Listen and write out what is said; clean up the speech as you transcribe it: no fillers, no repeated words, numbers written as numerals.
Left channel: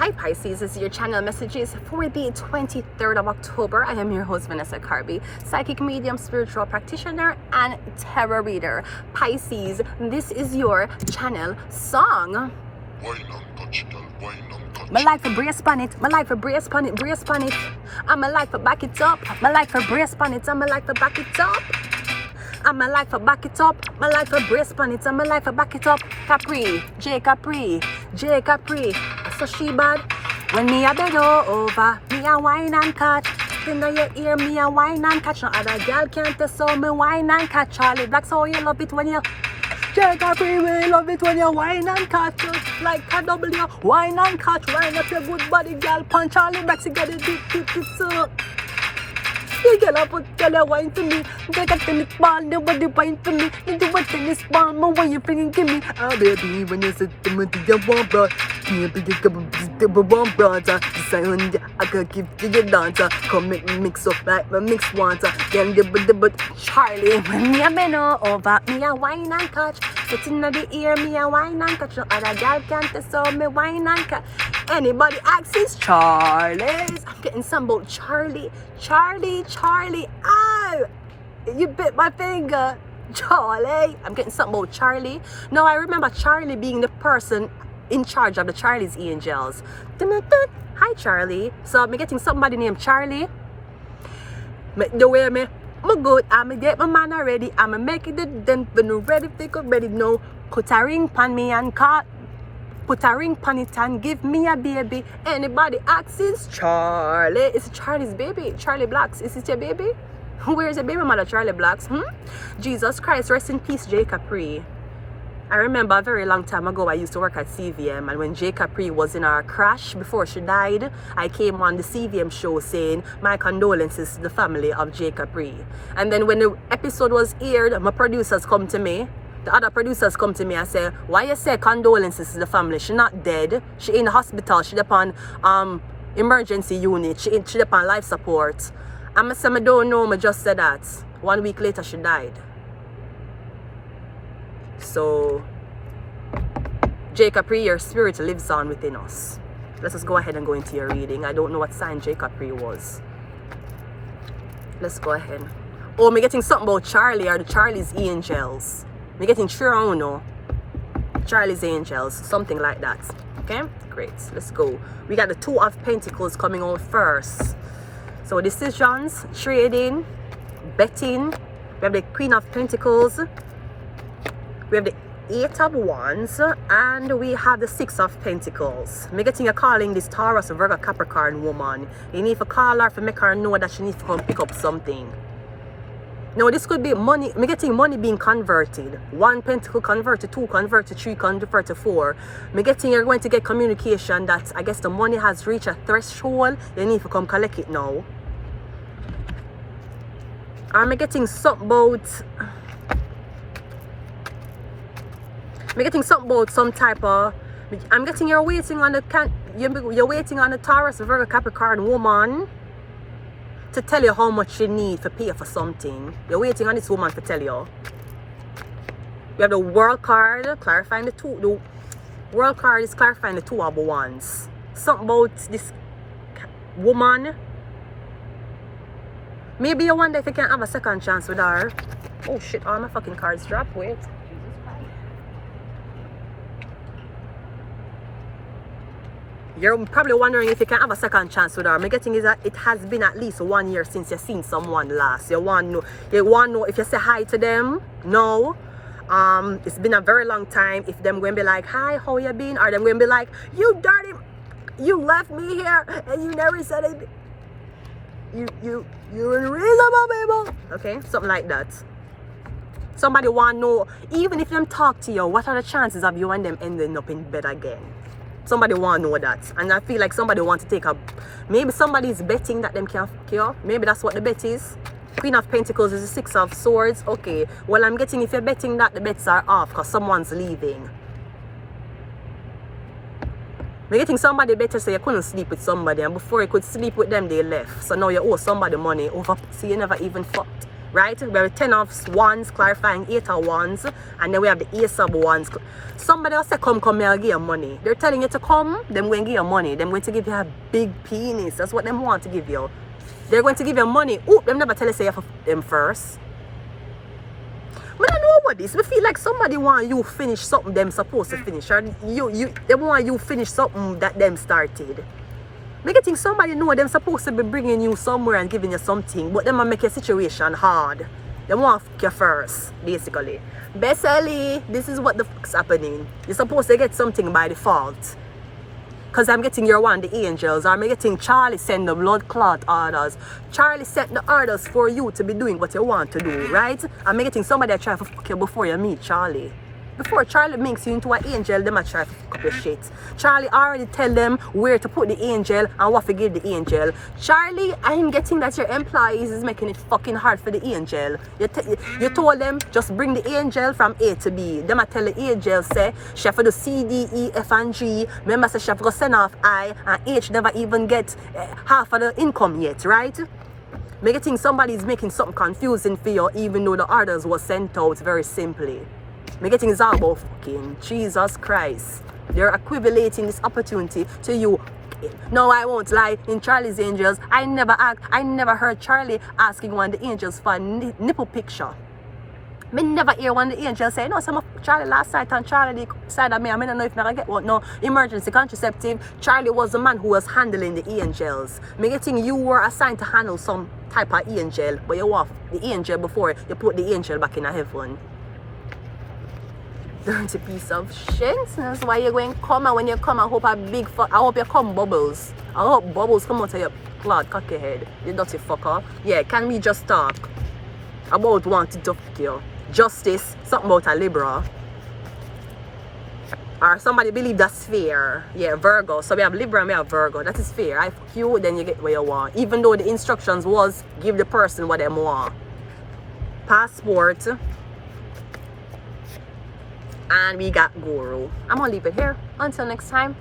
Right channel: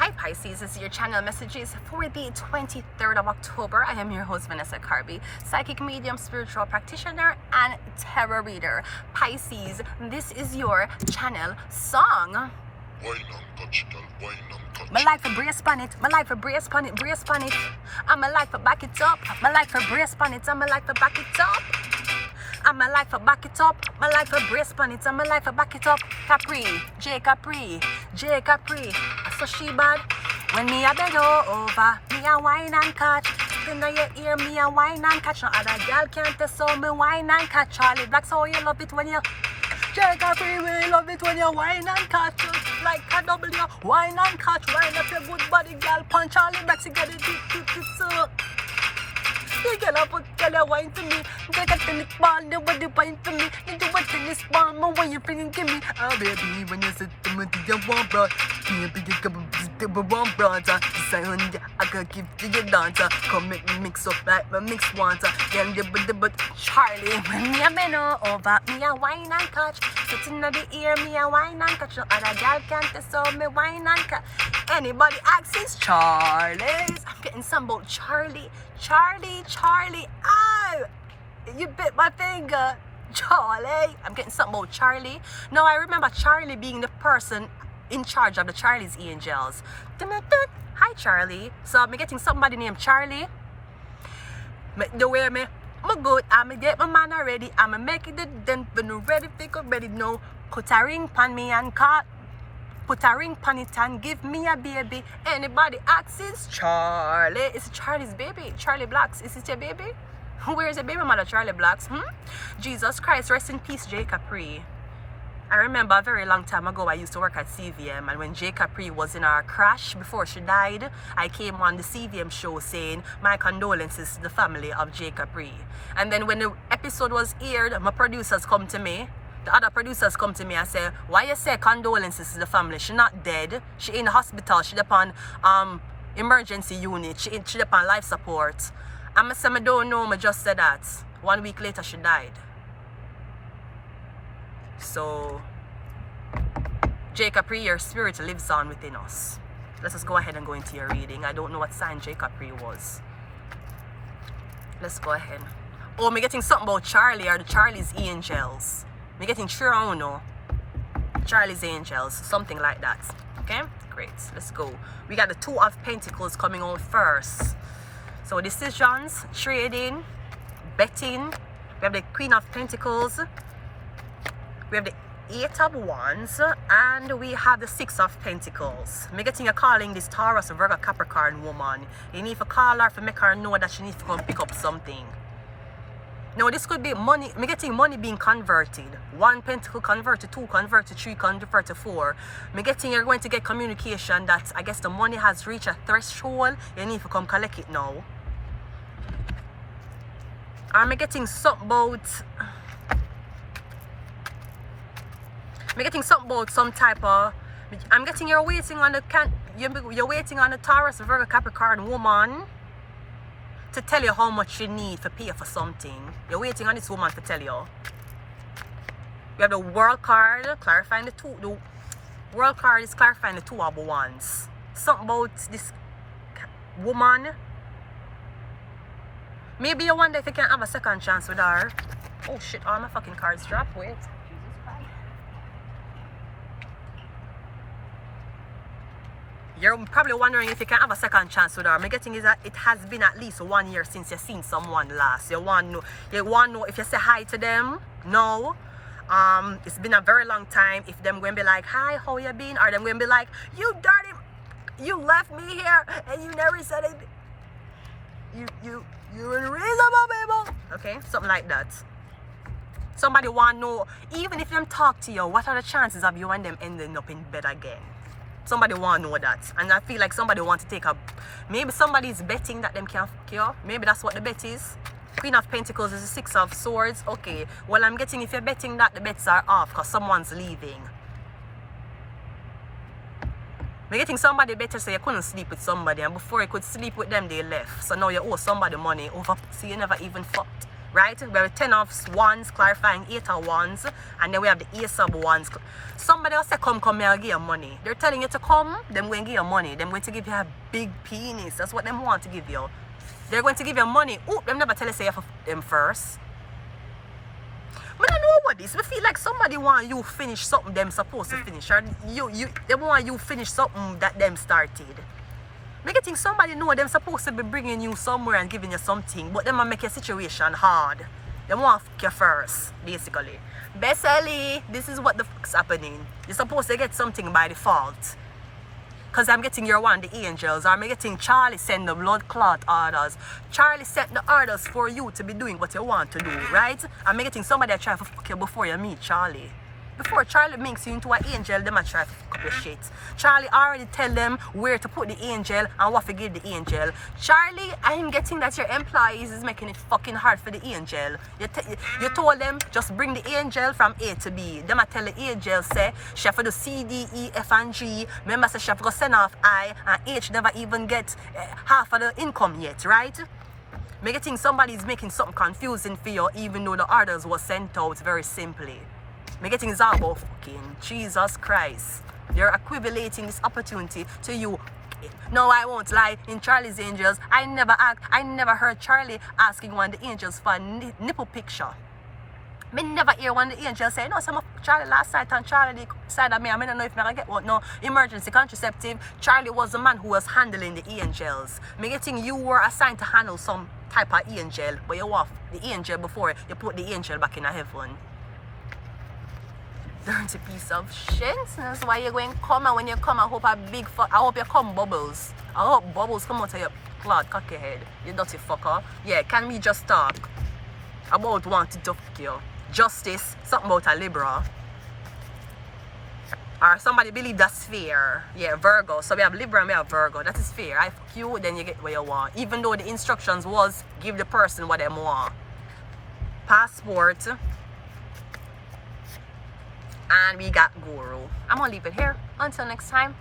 Hi Pisces, this is your channel messages for the 23rd of October. I am your host Vanessa Carby, psychic medium, spiritual practitioner, and tarot reader. Pisces, this is your channel song. My life for brace on it, my life for brace on it, brace on it. I'm a life for back it up, my life for brace on it, I'm a life for back it up. I'm a life for back it up, my life for brace on it, I'm a life for back it up. Capri, J Capri, J Capri. So she bad. When me a bend over, me a wine and catch. Then your ear, me a wine and catch. No other girl can't test so me wine and catch. Charley Black, so you love it when you J Capri, we love it when you wine and catch. Just like a W, wine and catch. Wine up your good body, girl. Punch Charley Black, you get it deep, so. You get up, tell your wine to me. Take a tennis ball, nobody wine for me. You do a tennis ball, my way you bringing give me. Oh baby, when you sit to me, you want bro. You pick a couple of one brother. Decide I can give to your dancer. Come make me mix up like my mix water. Then but Charley, when me a bend over, me a wine and catch. Sitting in the ear, me a wine and catch. No other girl can't test so me wine and catch. Anybody asks Charley's. I'm getting some about Charley. Charley, ow! You bit my finger, Charley. I'm getting something about Charley. No, I remember Charley being the person in charge of the Charlie's Angels. Hi, Charley. So I'm getting somebody named Charley. The way me good, I'm get my man already. I'm make it then when ready, pick up ready. No, put a ring pan me and cut. Put a ring on it and give me a baby. Anybody asks Charley. It's Charley's baby. Charley Blacks. Is it your baby? Where is your baby mother, Charley Blacks? Jesus Christ, rest in peace, J Capri. I remember a very long time ago I used to work at CVM, and when J Capri was in our crash before she died, I came on the CVM show saying my condolences to the family of J Capri. And then when the episode was aired, my producers come to me. The other producers come to me and say, why you say condolences to the family? She not dead. She in the hospital. She upon emergency unit. She upon life support. I say, I don't know. I just said that. 1 week later, she died. So, J Capri, your spirit lives on within us. Let's just go ahead and go into your reading. I don't know what sign J Capri was. Let's go ahead. Oh, I'm getting something about Charley or the Charlie's Angels. We're getting sure I don't know. Charlie's Angels, something like that. Okay, great. Let's go. We got the Two of Pentacles coming on first. So decisions, trading, betting. We have the Queen of Pentacles. We have the Eight of Wands, and we have the Six of Pentacles. I'm getting a calling this Taurus, Virgo, Capricorn woman. You need to call her to make her know that she needs to come pick up something. Now this could be money. I'm getting money being converted. 1 pentacle converted, 2 converted, 3 converted, 4. I'm getting you're going to get communication that I guess the money has reached a threshold. You need to come collect it now. I'm getting something about. I'm getting something about some type of. I'm getting you're waiting on the you're waiting on the Taurus, Virgo, Capricorn woman to tell you how much you need to pay for something. You're waiting on this woman to tell you. You have the World card clarifying the two. The World card is clarifying the Two of Wands. Something about this woman. Maybe you wonder if you can have a second chance with her. Oh shit, all my fucking cards dropped. Wait. You're probably wondering if you can have a second chance with her. My getting is that it has been at least 1 year since you've seen someone last. You want to know if you say hi to them. No. It's been a very long time. If them going to be like, hi, how you been? Or them going to be like, you dirty, you left me here and you never said it. You're unreasonable, baby. Okay, something like that. Somebody want to know, even if them talk to you, what are the chances of you and them ending up in bed again? Somebody want to know that, and I feel like somebody want to take a. Maybe somebody is betting that them can cure. Maybe that's what the bet is. Queen of Pentacles is the Six of Swords. Okay, well I'm getting if you're betting that the bets are off because someone's leaving. I'm getting somebody better say you couldn't sleep with somebody, and before you could sleep with them they left. So now you owe somebody money over. See, you never even fucked. right? We have 10 of wands clarifying 8 of wands, and then we have the ace of wands. Somebody else say, come here, I'll give you money. They're telling you to come, them going to give you money. Them going to give you a big penis. That's what them want to give you. They're going to give you money. Oh, them never tell you say you have them first. I don't know about this. We feel like somebody want you finish something them supposed to finish, or they want you finish something that them started. Make you think somebody know them supposed to be bringing you somewhere and giving you something, but them will make your situation hard. They want to fuck you first, basically. Bessie, this is what the fuck's happening. You're supposed to get something by default. Because I'm getting your one, the angels. Or I'm getting Charley send the blood clot orders. Charley set the orders for you to be doing what you want to do, right? I'm getting somebody that try to fuck you before you meet Charley. Before Charley makes you into an angel, them a try to fuck up your shit. Charley already tell them where to put the angel and what to give the angel. Charley, I'm getting that your employees is making it fucking hard for the angel. You told them just bring the angel from A to B. Them a tell the angel say she have to do C, D, E, F and G. Remember say she have to send off I, and H never even get half of the income yet, right? Me getting somebody is making something confusing for you, even though the orders was sent out very simply. Me getting is all about fucking Jesus Christ. They're equivalating this opportunity to you. No, I won't lie. In Charley's Angels, I never heard Charley asking one of the angels for a nipple picture. Me never hear one of the angels say, no, some Charley last night and Charley side of me, I don't know if I get what, no, emergency contraceptive. Charley was the man who was handling the angels. Me getting you were assigned to handle some type of angel, but you off the angel before you put the angel back in a heaven. Dirty piece of shit. That's why you're going to come, and when you come, I hope you come bubbles. I hope bubbles come out of your cloud cocky head. You dirty fucker. Yeah, can we just talk about wanting to fuck you? Justice, something about a Libra. Or somebody believe that's fair. Yeah, Virgo. So we have Libra and we have Virgo. That is fair. I fuck you, then you get what you want. Even though the instructions was give the person what they want. Passport. And we got Guru. I'm gonna leave it here. Until next time.